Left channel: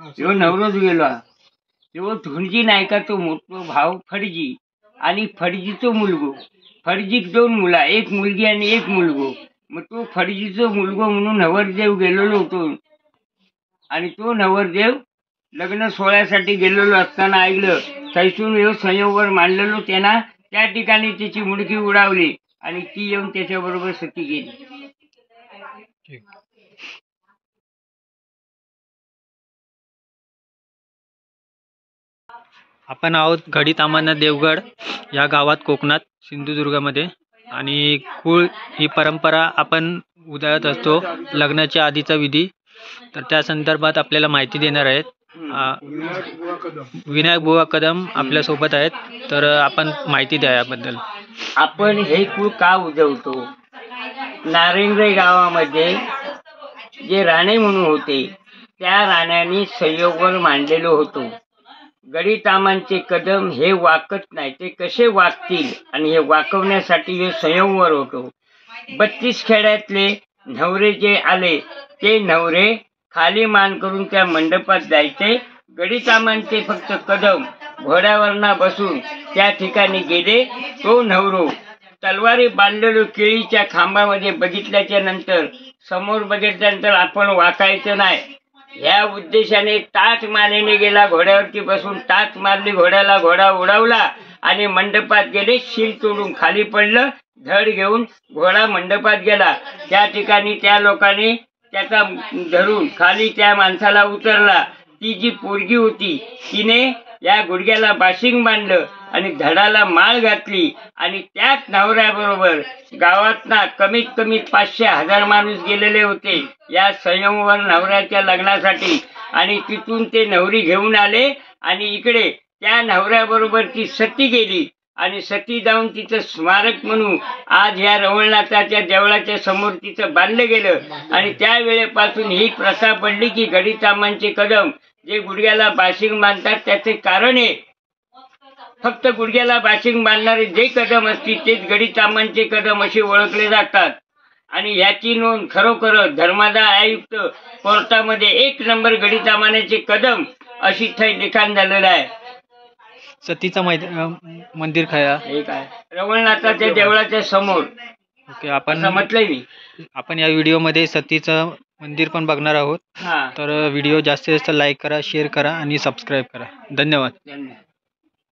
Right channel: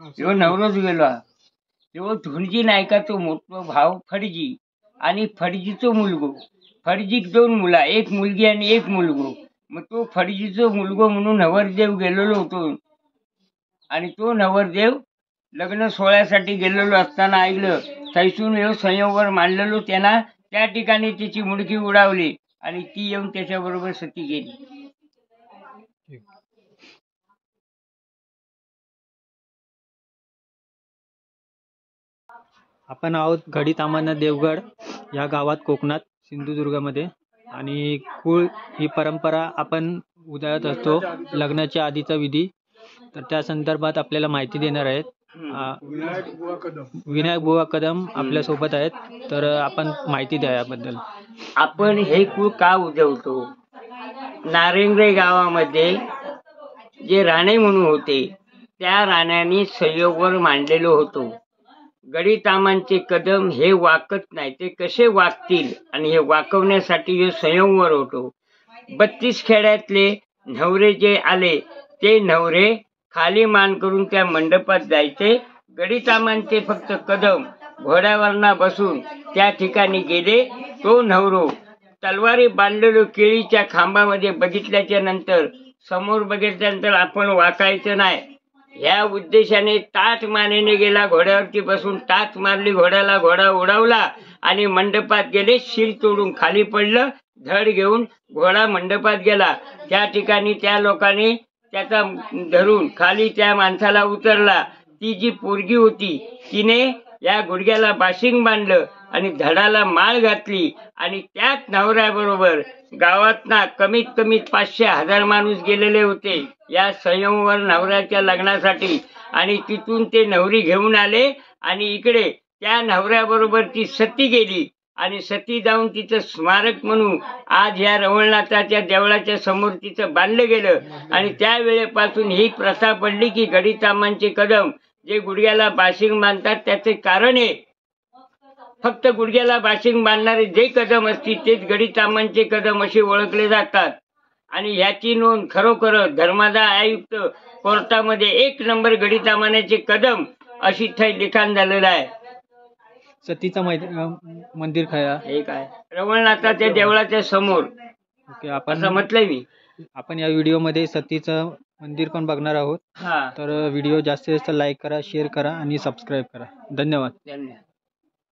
ह्यो नवरोच गेला. ह्यो धुंजी नायकाचो मोठो भाव फडजी आणि फडजीचो मुलगो. फडजीक 2 मुला, एक मुलगी आणि एक मुलगो. मग तो फडजीचो मुलगो म्हणून नवरदेव गेलेलो होतो आणि तो नवरदेव लग्न सोहळ्यासाठी गेलेलो असताना ऐकलं थैसून ह्यो संयमवर मांडलेलो त्यांना त्या ठिकाणी त्याची मुडकी उडावली आणि ती येऊन त्याच्याबरोबर सती गेली. आपण आहोत घडी तामाना देवगड या गावात कोकणात सिंधुदुर्गामध्ये आणि कुळ ही परंपरा आपण उधळत असतो लग्नाच्या आधीचा विधी. तर त्या संदर्भात आपल्याला माहिती देणार आहेत विनायक बुवा कदम आपल्या सोबत आहेत. तर आपण माहिती द्या याबद्दल. आपण हे कुळ का उजवतो? नारिंगरे गावामध्ये जे राणे म्हणून होते त्या राण्यांनी संयोगवर मांडलेलो होतो. गडी तामांचे कदम हे वाकत नाही, ते कसे वाकतील आणि हे वाकवण्यासाठी हे संयमवर होतो. 32 खेड्यातले नवरे जे आले ते नवरे खाली मान करून त्या मंडपात जायचे. गडी तामांचे फक्त कदम घोड्यावरना बसून त्या ठिकाणी गेले. तो नवरो तलवारी बांधलेलो केळीच्या खांबामध्ये बघितल्याच्या नंतर समोर बघितल्यानंतर आपण वाकायचं नाही ह्या उद्देशाने टाच मानेने गेला. घोड्यावरती बसून टाच मारली घोड्याला, घोडा उडवला आणि मंडपात गेले. शिर तोडून खाली पडलं. धड घेऊन घोडा मंडपात गेला. त्या ठिकाणी त्या लोकांनी त्याचा धरून खाली त्या माणसाला उतरला. ती जी पोरगी होती तिने या गुडघ्याला बाशिंग बांधलं आणि धडाला माळ घातली आणि त्याच नवऱ्याबरोबर गावातना कमीत कमी 500-1000 माणूस गेलेले होते या संयमवर नवऱ्याच्या लग्नासाठी. आणि तिथून ते नवरी घेऊन आले आणि इकडे त्या नवऱ्याबरोबर ती सती गेली आणि सती जाऊन तिचं स्मारक म्हणून आज या रवळनाथाच्या देवळाच्या समोर तिचं बांधलं गेलं. आणि त्या वेळेपासून ही प्रथा पडली की गडी तामांचे कदम जे गुडघ्याला बाशिंग बांधतात त्याचे कारण आहे फक्त गुडघ्याला बाशिंग बांधणारे जे कदम असतील तेच गडी तामांचे कदम असे ओळखले जातात. आणि याची नोंद खरोखर धर्मादाय आयुक्त कोर्टामध्ये 1 नंबर गडी तामांचे कदम अशी थै लिखाण झालेलं आहे. सतीचं मंदिर काय हे काय रवळनाथाच्या देवळाच्या समोर. ओके, आपण म्हटलंय मी. आपण या व्हिडिओमध्ये सतीचं मंदिर पण बघणार आहोत. तर व्हिडिओ जास्तीत जास्त लाईक करा, शेअर करा आणि सबस्क्राईब करा. धन्यवाद.